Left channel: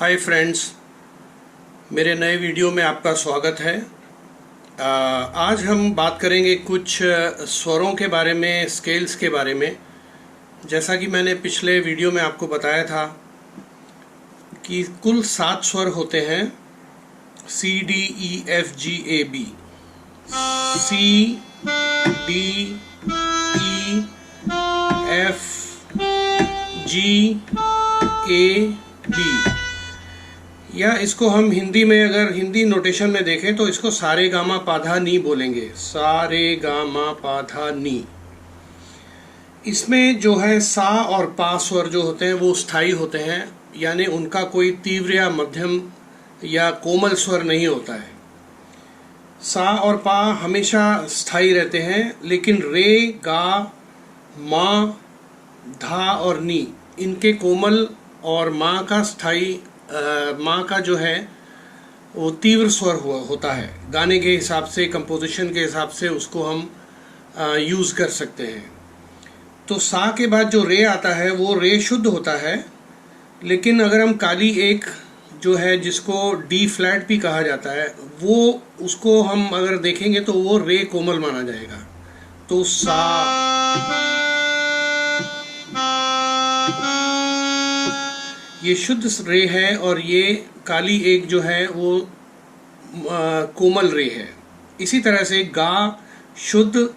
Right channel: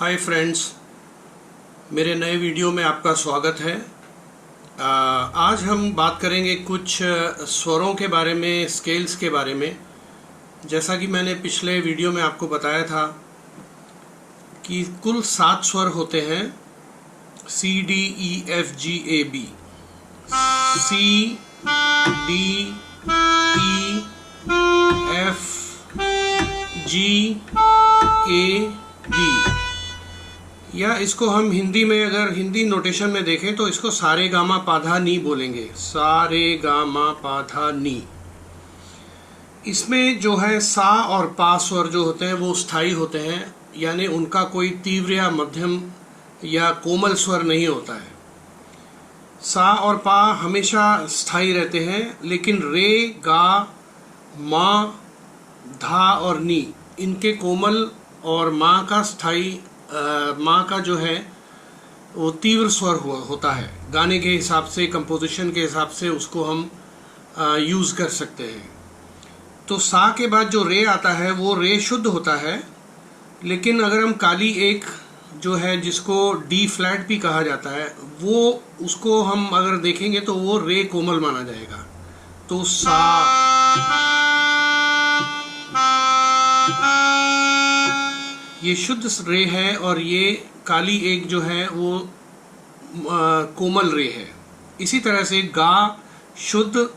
Hi friends, मेरे नए video में आपका स्वागत है। आज हम बात करेंगे कुछ स्वरों के बारे में, स्केल्स के बारे में। जैसा कि मैंने पिछले वीडियो में आपको बताया था कि कुल 7 स्वर होते हैं, C D E F G A B। C D E F G A B, या इसको हम हिंदी में, अगर हिंदी नोटेशन में देखें तो इसको सारे गामा पाधा नी बोलेंगे। सारे गामा पाधा नी। इसमें जो है सा और पा स्वर जो होते हैं वो स्थायी होते हैं, यानी उनका कोई तीव्र या मध्यम या कोमल स्वर नहीं होता है। सा और पा हमेशा स्थायी रहते हैं, लेकिन रे, गा, मा, धा और नी, इनके कोमल और माँ का स्थायी, माँ का जो है वो तीव्र स्वर होता है। गाने के हिसाब से, कंपोजिशन के हिसाब से उसको हम यूज़ कर सकते हैं। तो सा के बाद जो रे आता है वो रे शुद्ध होता है, लेकिन अगर हम काली एक जो है जिसको डी फ्लैट भी कहा जाता है, वो उसको हम अगर देखेंगे तो वो रे कोमल माना जाएगा। तो सा, ये शुद्ध रे है और ये काली एक जो है वो कोमल रे है। इसी तरह से गा शुद्ध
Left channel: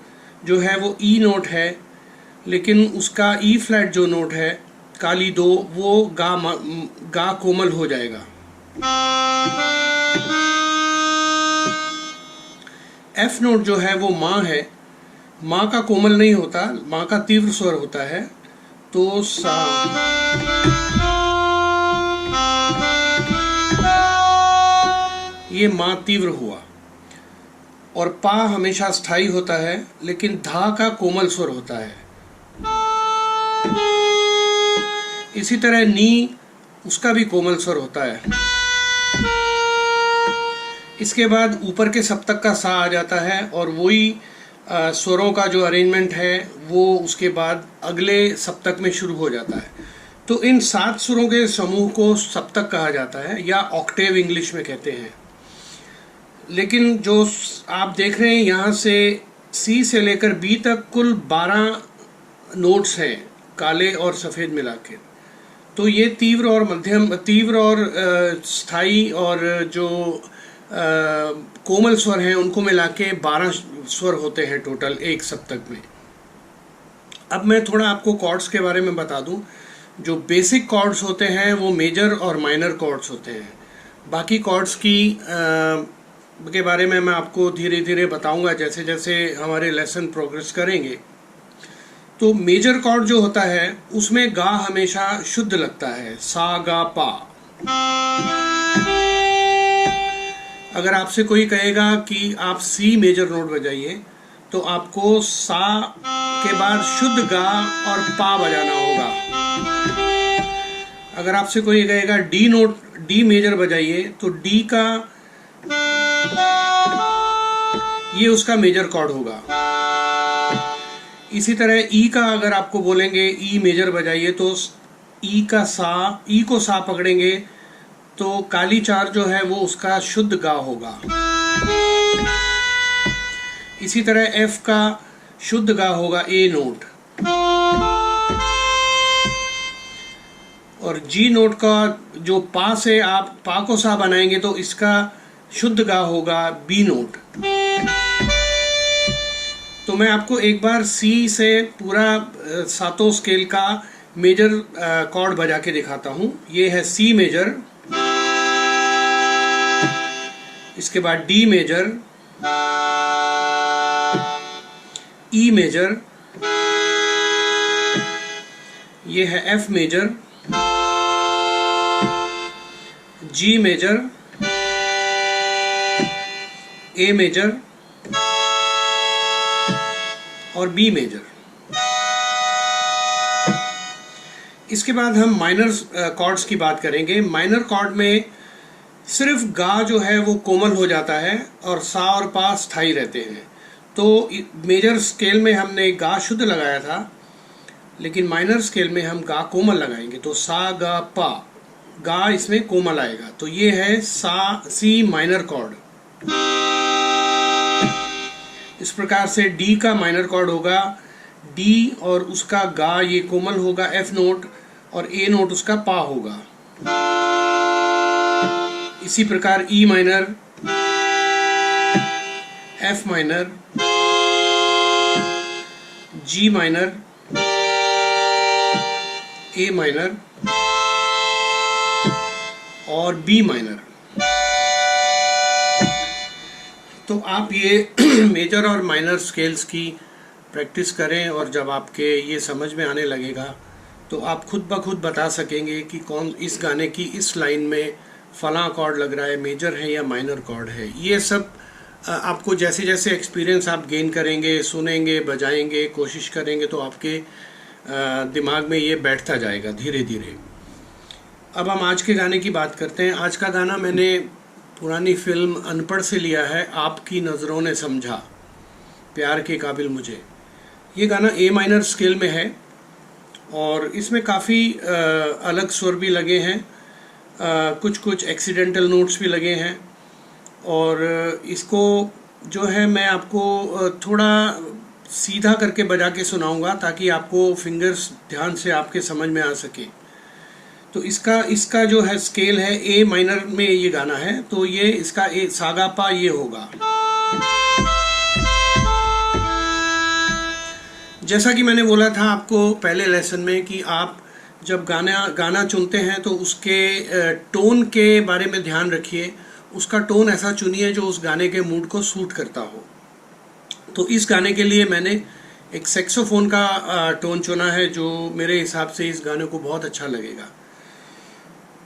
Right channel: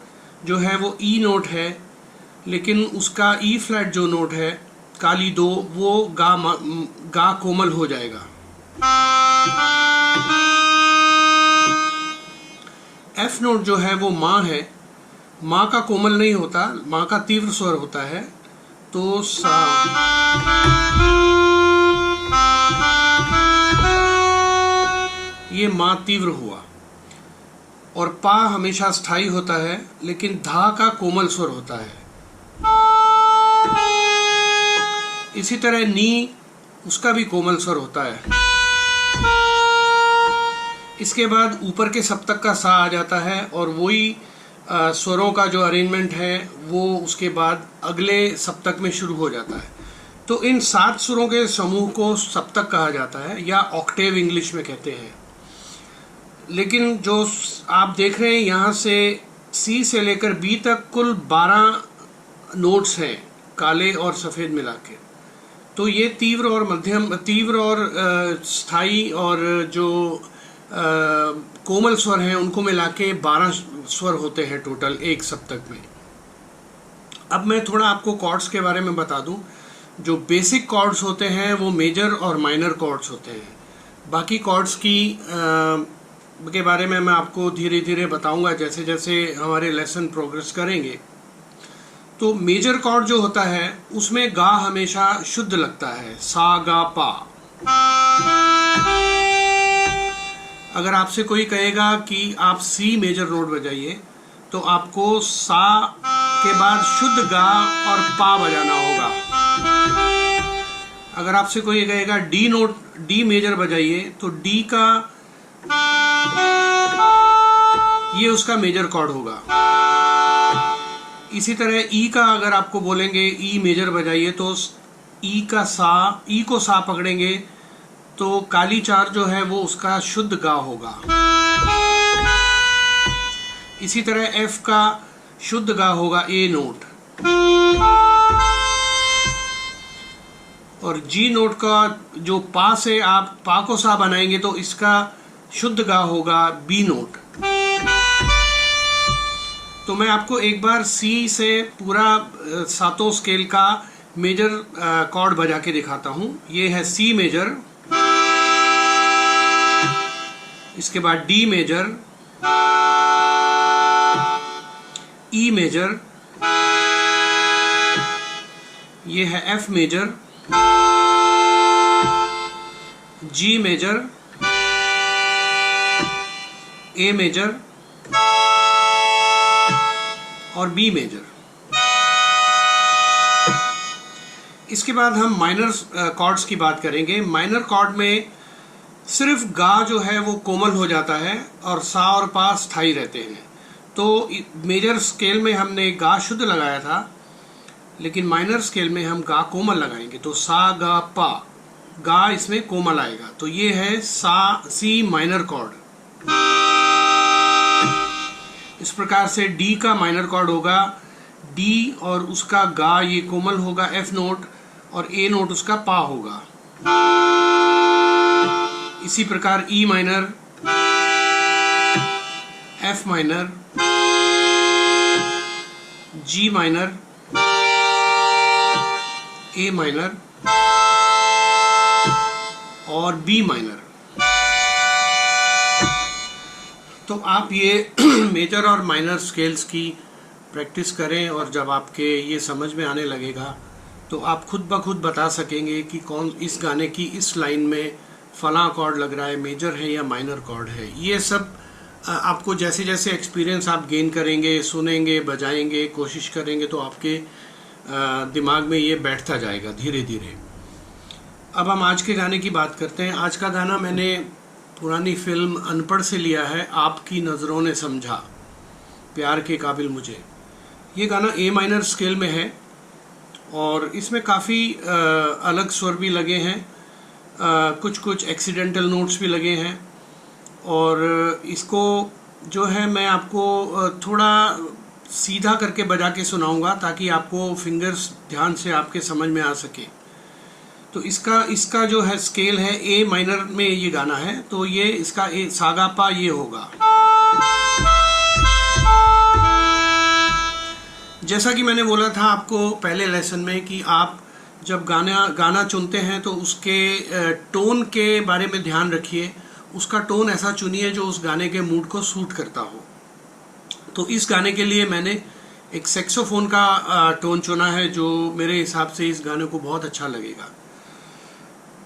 जो है वो ई नोट है, लेकिन उसका ई फ्लैट जो नोट है काली दो, वो गा कोमल हो जाएगा। एफ नोट जो है वो माँ है, माँ का कोमल नहीं होता, माँ का तीव्र स्वर होता है। तो सा, ये माँ तीव्र हुआ। और पा हमेशा स्थायी होता है, लेकिन धा का कोमल स्वर होता है। इसी तरह नी, उसका भी कोमल स्वर होता है। इसके बाद ऊपर के सप्तक का सा आ जाता है, और वही स्वरों का जो अरेंजमेंट है वो उसके बाद अगले सप्तक में शुरू हो जाता है। तो इन 7 स्वरों के समूह को सप्तक कहा जाता है, या ऑक्टेव इंग्लिश में कहते हैं। लेकिन जो आप देख रहे हैं यहाँ से सी से लेकर बी तक कुल 12 नोट्स हैं, काले और सफ़ेद मिला के। तो ये तीव्र और मध्यम, तीव्र और स्थायी और जो कोमल स्वर हैं उनको मिला के 12 स्वर होते हैं टोटल एक सप्तक में। अब मैं थोड़ा आपको कॉर्ड्स के बारे में बता दूं। जो बेसिक कॉर्ड्स होते हैं वो मेजर और माइनर कॉर्ड्स होते हैं। बाकी कॉर्ड्स के बारे में मैं आपको धीरे धीरे बताऊंगा जैसे जैसे हमारे लेसन प्रोग्रेस करेंगे। तो मेजर कॉर्ड जो होता है उसमें गा हमेशा शुद्ध लगता है, सा गा पा। अगर आपसे कोई कहेगा कि आप सी मेजर नोट बजाइए, तो आपको सा के बाद शुद्ध गा और पा बजाना होगा। अगर आपसे कोई कहेगा डी नोट, डी मेजर बजाइए, तो डी का ये उसका मेजर कॉर्ड होगा। इसी तरह ई का अगर आपको बोलेंगे ई मेजर बजाइए, तो ई का सा, ई को सा पकड़ेंगे तो काली 4 जो है वो उसका शुद्ध गा होगा। इसी तरह एफ का शुद्ध गा होगा ए नोट, और जी नोट का जो पा से आप पा को सा बनाएंगे तो इसका शुद्ध गा होगा बी नोट। तो मैं आपको एक बार सी से पूरा 7 स्केल का मेजर कॉर्ड बजा के दिखाता हूं। ये है सी मेजर, इसके बाद डी मेजर, ई मेजर, ये है एफ मेजर, जी मेजर, ए मेजर और बी मेजर। इसके बाद हम माइनर कॉर्ड्स की बात करेंगे। माइनर कॉर्ड में सिर्फ गा जो है वो कोमल हो जाता है और सा और पा स्थायी रहते हैं। तो मेजर स्केल में हमने गा शुद्ध लगाया था, लेकिन माइनर स्केल में हम गा कोमल लगाएंगे। तो सा गा पा, गा इसमें कोमल आएगा। तो ये है सी माइनर कॉर्ड। इस प्रकार से डी का माइनर कॉर्ड होगा, डी और उसका गा ये कोमल होगा एफ नोट, और ए नोट उसका पा होगा। इसी प्रकार ई माइनर, एफ माइनर, जी माइनर, ए माइनर और बी माइनर। तो आप ये मेजर और माइनर स्केल्स की प्रैक्टिस करें, और जब आपके ये समझ में आने लगेगा तो आप खुद ब खुद बता सकेंगे कि कौन इस गाने की इस लाइन में फलां कॉर्ड लग रहा है, मेजर है या माइनर कॉर्ड है। ये सब आपको जैसे जैसे एक्सपीरियंस आप गेन करेंगे, सुनेंगे, बजाएंगे, कोशिश करेंगे, तो आपके दिमाग में ये बैठता जाएगा धीरे धीरे। अब हम आज के गाने की बात करते हैं। आज का गाना मैंने पुरानी फिल्म अनपढ़ से लिया है, आपकी नज़रों ने समझा, प्यार के काबिल मुझे। ये गाना ए माइनर स्केल में है और इसमें काफ़ी अलग स्वर भी लगे हैं, कुछ कुछ एक्सीडेंटल नोट्स भी लगे हैं, और इसको जो है मैं आपको थोड़ा सीधा करके बजा के सुनाऊंगा ताकि आपको फिंगर्स ध्यान से आपके समझ में आ सके। तो इसका जो है स्केल है ए माइनर में ये गाना है, तो ये इसका ए सागा पा ये होगा। जैसा कि मैंने बोला था आपको पहले लेसन में कि आप जब गाना चुनते हैं तो उसके टोन के बारे में ध्यान रखिए। उसका टोन ऐसा चुनिए जो उस गाने के मूड को सूट करता हो। तो इस गाने के लिए मैंने एक सैक्सोफोन का टोन चुना है जो मेरे हिसाब से इस गाने को बहुत अच्छा लगेगा।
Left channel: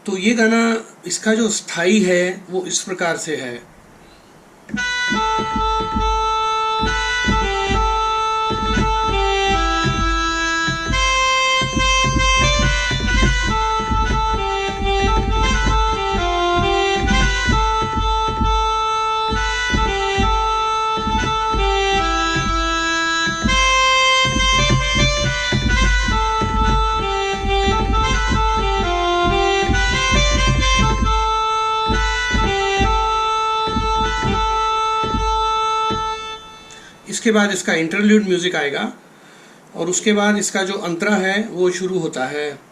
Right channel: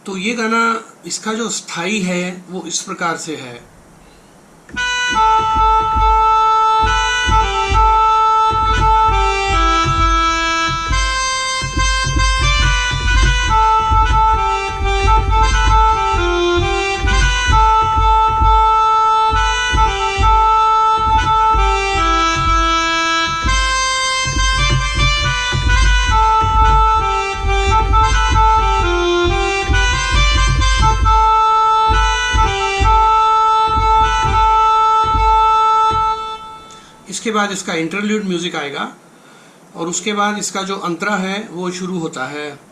तो ये गाना, इसका जो स्थाई है वो इस प्रकार से है। इसके बाद इसका इंटरल्यूड म्यूजिक आएगा और उसके बाद इसका जो अंतरा है वो शुरू होता है।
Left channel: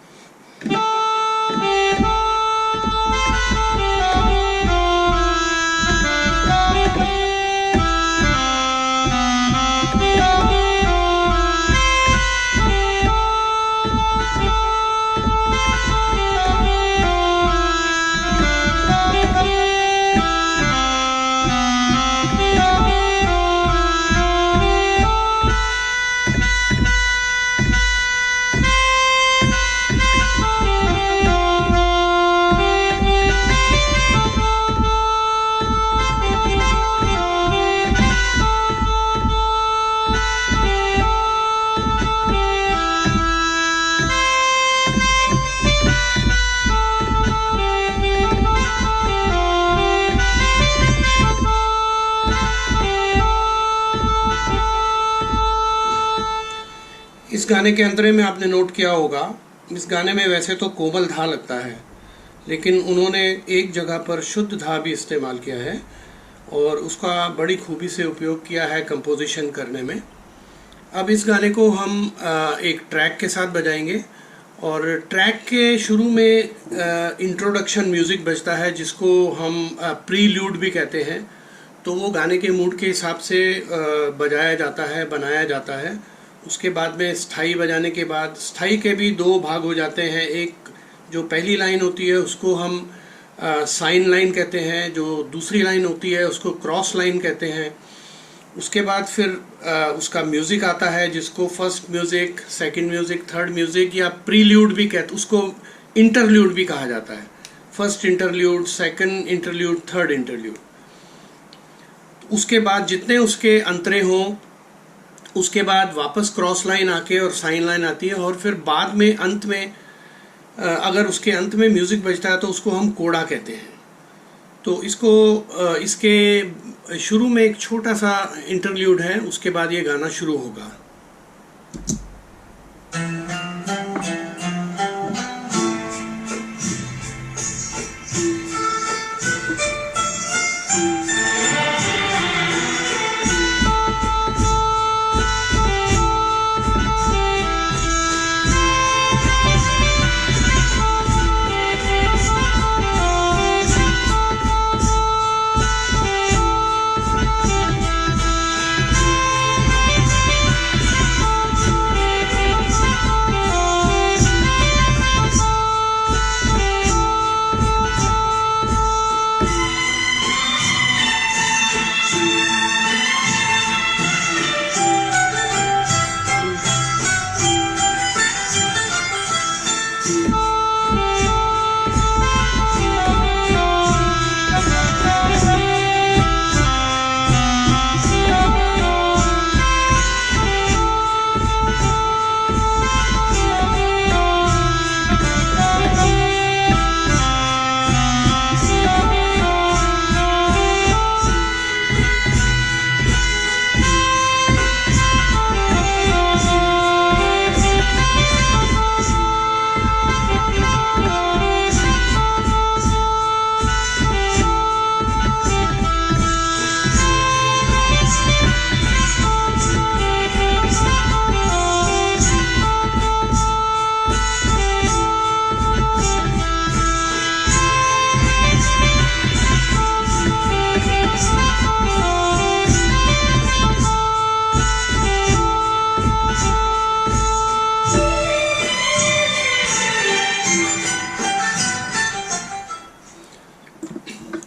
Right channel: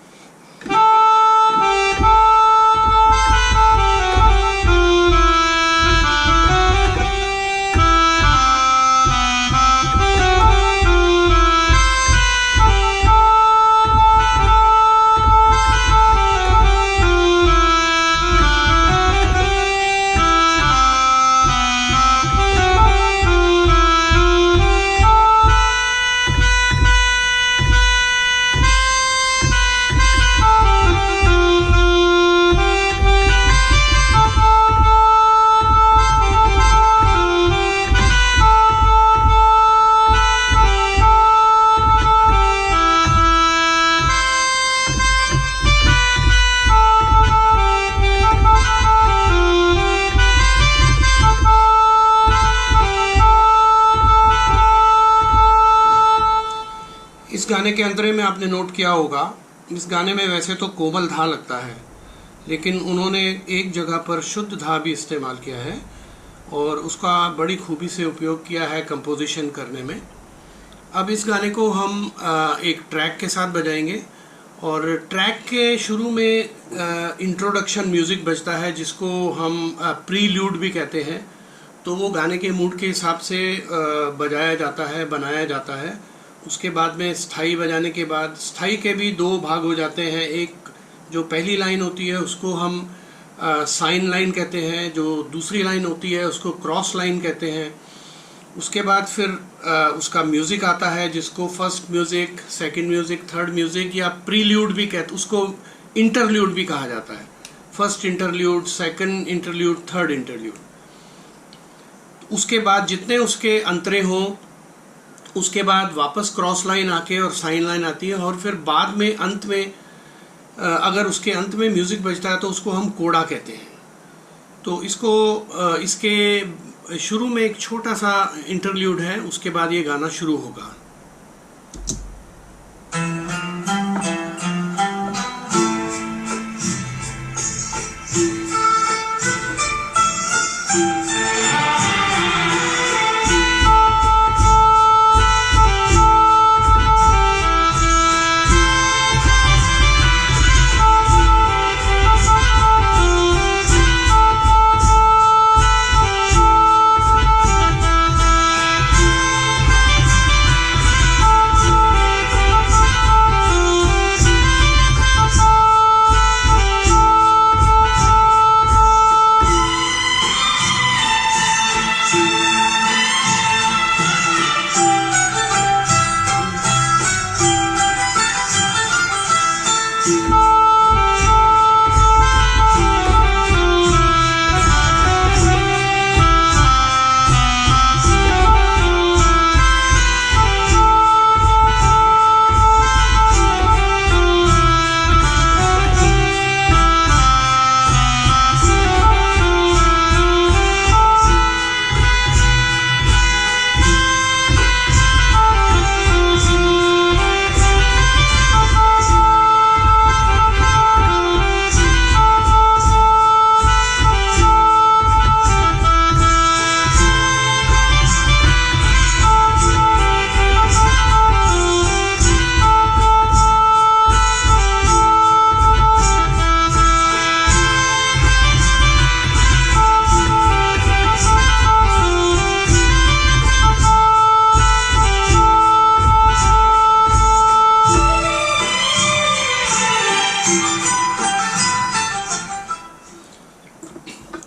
इस गाने के अंतरे में आपने नोट किया होगा, इस गाने में वैसे तो कोमल धा लगता है, लेकिन उन्होंने एक जगह पर शुद्ध धा भी इस्तेमाल किया है और उसका बड़ी खूबी से उपयोग किया है कंपोजिशन करने में। अब इस गाने को हम एक ट्रैक के साथ बजाएंगे और ट्रैक के शुरू में इंट्रोडक्शन म्यूजिक बजता है जिसको हम प्रील्यूड भी कहते हैं। तो वो गाने के मूड के हिसाब से बजाया जाता है, बनाया जाता है। उसके बाद में स्थाई बजाने के बाद, स्थाई के भी दो भाग हो जाते हैं। एक जो पहली लाइन होती है उसको हम साइन लाइन कहते हैं, जो दूसरी लाइन होती है उसको क्रॉस लाइन कहते हैं। उसके बाद फिर उसका म्यूजिक आता है जिसको first music, second music, third music या प्रील्यूड भी कहते, उसको इंटरल्यूड भी कहा जाता है। First interlude, second interlude, third interlude. उसके बाद जितने उसके अंतरे हों, उसके बाद वापस क्रॉस लाइन आके और साइन लाइन आती है और फिर बाद में अंत में अगर उसके अंत में म्यूजिक बजता है तो उसको हम कोड़ा कहते हैं। तो इसके शुरू में एक छोटा सा इंटरल्यूड है, उसके बाद ये गाना शुरू होगा।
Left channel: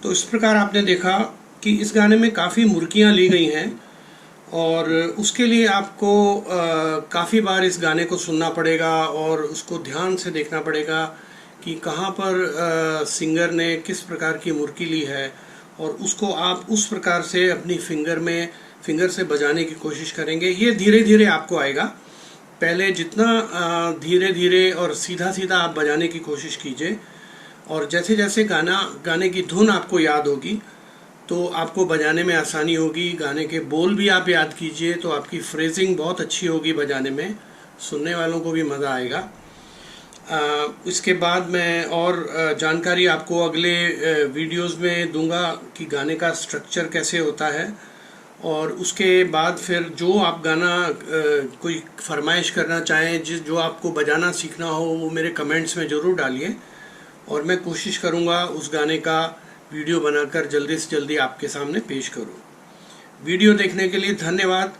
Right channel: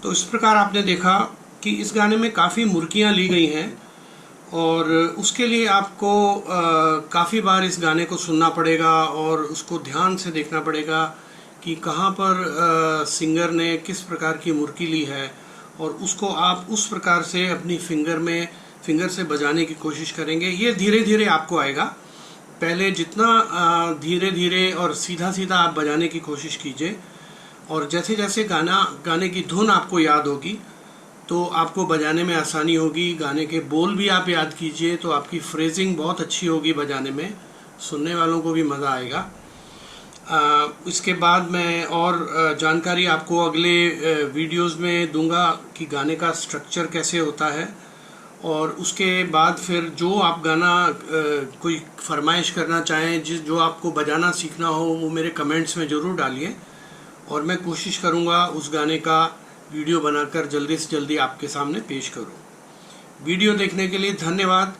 तो इस प्रकार आपने देखा कि इस गाने में काफ़ी मुर्कियाँ ली गई हैं और उसके लिए आपको काफ़ी बार इस गाने को सुनना पड़ेगा और उसको ध्यान से देखना पड़ेगा कि कहाँ पर सिंगर ने किस प्रकार की मुर्की ली है और उसको आप उस प्रकार से अपनी फिंगर से बजाने की कोशिश करेंगे। ये धीरे धीरे आपको आएगा। पहले जितना धीरे धीरे और सीधा सीधा आप बजाने की कोशिश कीजिए और जैसे जैसे गाने की धुन आपको याद होगी तो आपको बजाने में आसानी होगी। गाने के बोल भी आप याद कीजिए तो आपकी फ्रेजिंग बहुत अच्छी होगी बजाने में, सुनने वालों को भी मज़ा आएगा। इसके बाद मैं और जानकारी आपको अगले वीडियोस में दूंगा कि गाने का स्ट्रक्चर कैसे होता है और उसके बाद फिर जो आप गाना कोई फरमाइश करना चाहें, जो आपको बजाना सीखना हो, वो मेरे कमेंट्स में ज़रूर डालिए और मैं कोशिश करूंगा उस गाने का वीडियो बनाकर जल्दी से जल्दी आपके सामने पेश करूं। वीडियो देखने के लिए धन्यवाद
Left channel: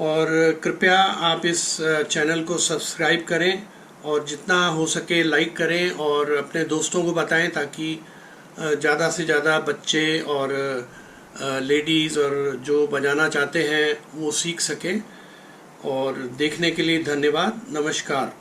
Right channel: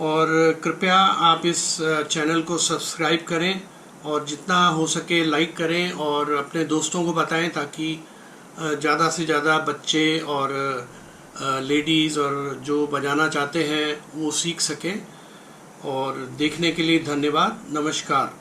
और कृपया आप इस चैनल को सब्सक्राइब करें और जितना हो सके लाइक करें और अपने दोस्तों को बताएं ताकि ज़्यादा से ज़्यादा बच्चे और लेडीज़ और जो बजाना चाहते हैं वो सीख सकें। और देखने के लिए धन्यवाद। नमस्कार।